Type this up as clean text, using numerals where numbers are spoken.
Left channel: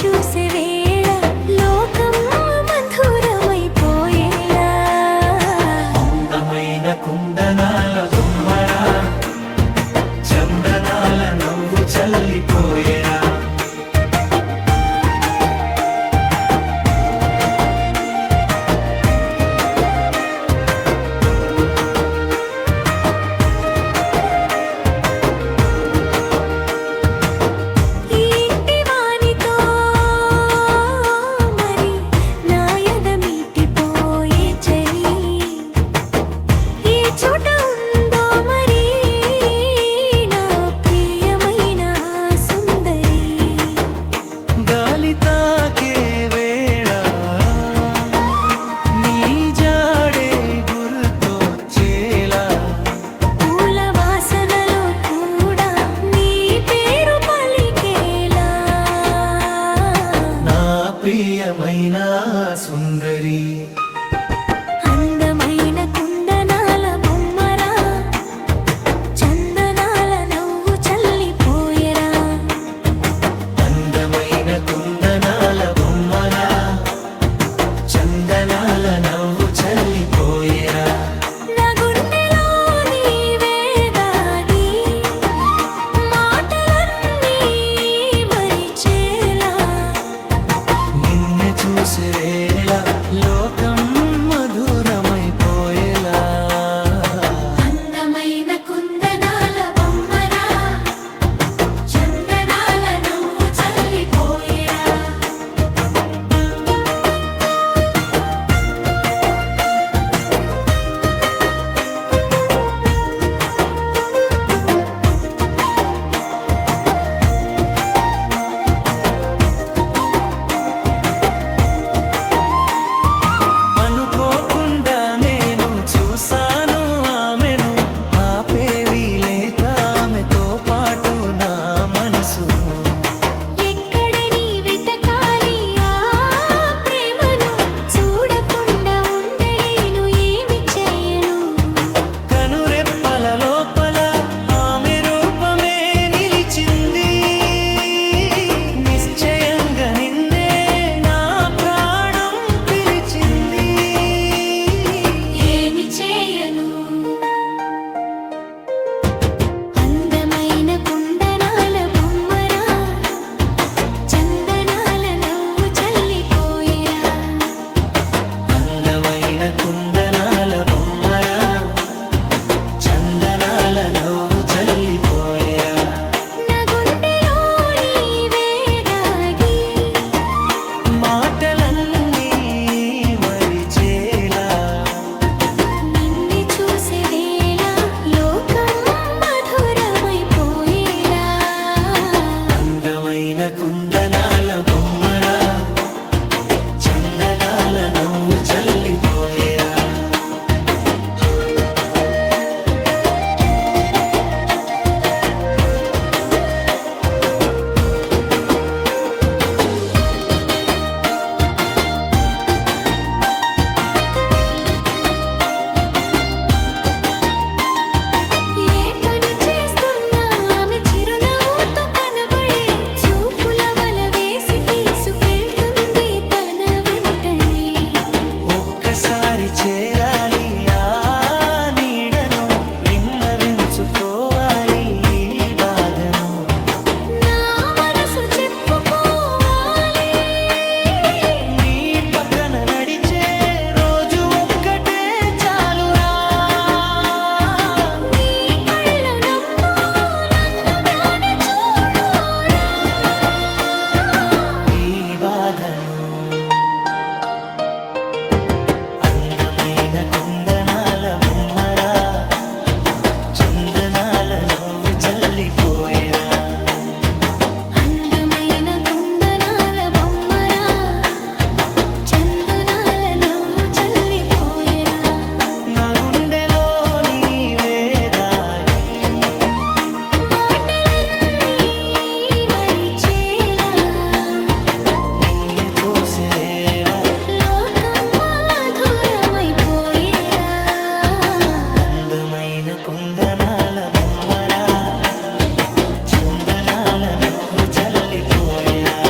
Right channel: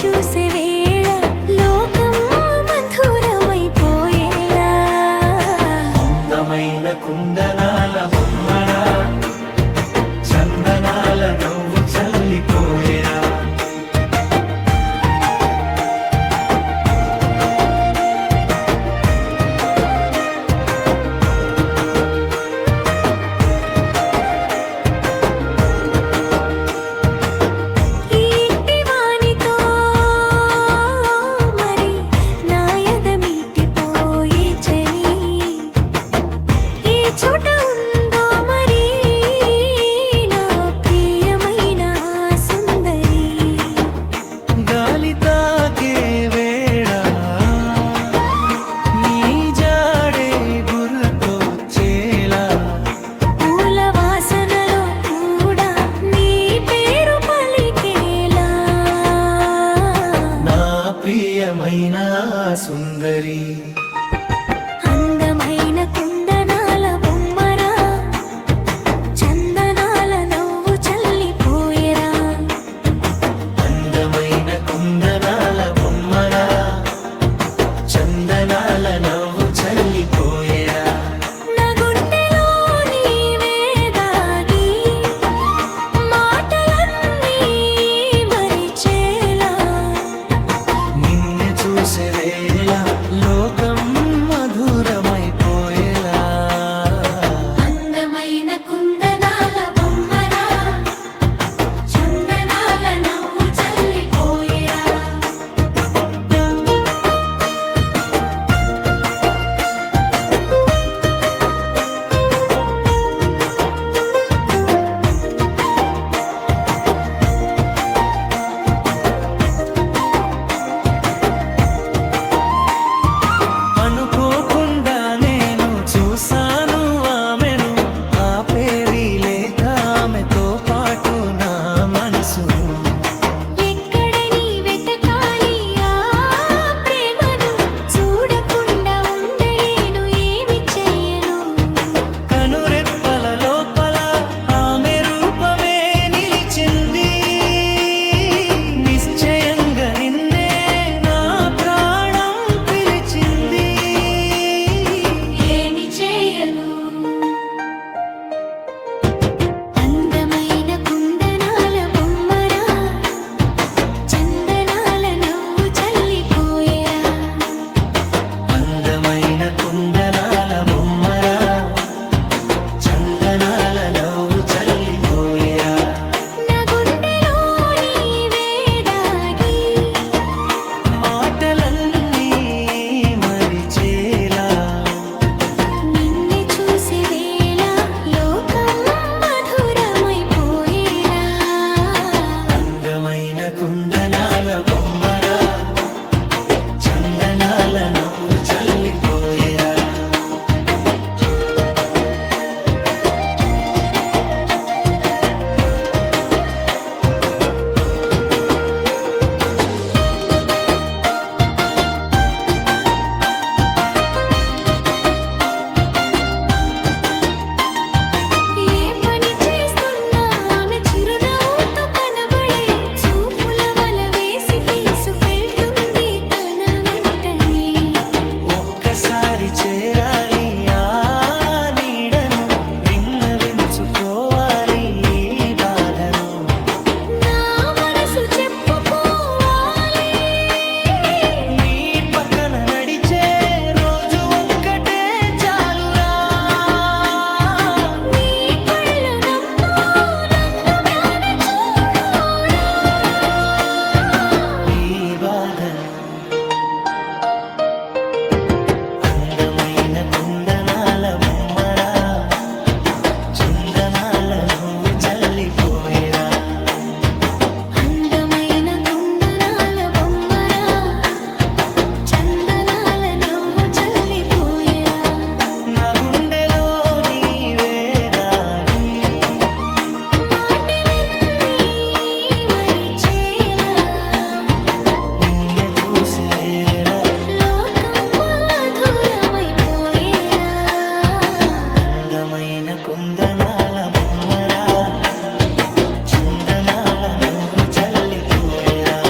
చూసే వేళ లోకం మధురమైపోయేలా అందమైన కుందనాల బొమ్మరా చందనాల నవ్వు చల్లిపోయేరా తాకే వేళ నీ జాడే గుర్తొచ్చేలా పూల వాసనలో కూడా నీ పేరు పలికేలా నా ప్రియమైన సుందరి అందమైన కుందనాల బొమ్మరా చందనాల నవ్వు చల్లిపోయేరా అందమైన కుందనాల బొమ్మరా చందనాల నవ్వు చల్లిపోయేరా నా గుండెలో నీవే దాగి మాటలన్నీ మరిచేలా నిన్ను చూసే వేళ లోకం మధురమైపోయేలా అందమైన కుందనాల బొమ్మరా చందనాల నవ్వు చల్లిపోయేరా అనుకోకుండా నేను చూసాను ఆమెను ఆపేవి లేక ఆమెతో పాటు నా మనసును ఎక్కడని వెతకాలి ఆ ప్రేమను చూడకుండా ఉండలేను ఏమి చేయను కనురెప్పల లోపల ఆమె రూపమే నిలిచింది నిశ్చయంగా నిన్నే నా ప్రాణం పిలిచింది ఏమి చేయను అందమైన కుందనాల బొమ్మరా చందనాల నవ్వు చల్లిపోయేరా అందమైన కుందనాల బొమ్మరా చందనాల నవ్వు చల్లిపోయేరా నా గుండెలో నీవే దాగి మాటలన్నీ మరిచేలా నిన్ను చూసే వేళ లోకం మధురమైపోయేలా అందమైన కుందనాల బొమ్మరా చందనాల నవ్వు చల్లిపోయేరా ఏ పని చేస్తున్నా ఆమె చిరునవ్వుతో కనబడే చూపుల వల వేసి తీసుకెళ్తుంది తన వెంటనే ఒక్కసారి చేరాలి ఆ నీడను విన్నవించుకోవాలి ఈ బాధను నా మనసు చెప్పుకోవాలి నీ పక్కన నడిచే రోజు ఒక్కటే చాలురా నీ కళ్ళు నమ్ము నన్ను గాని చూడురా ఈ బాధను అందమైన కుందనాల బొమ్మరా చందనాల నవ్వు చల్లిపోయేరా అందమైన కుందనాల బొమ్మరా చందనాల నవ్వు చల్లిపోయేరా నా గుండెలో నీవే దాగి మాటలన్నీ మరిచేలా నిన్ను చూసేలా లోకం మధురమైపోయేలా అందమైన కుందనాల బొమ్మరా చందనాల నవ్వు చల్లిపోయేరా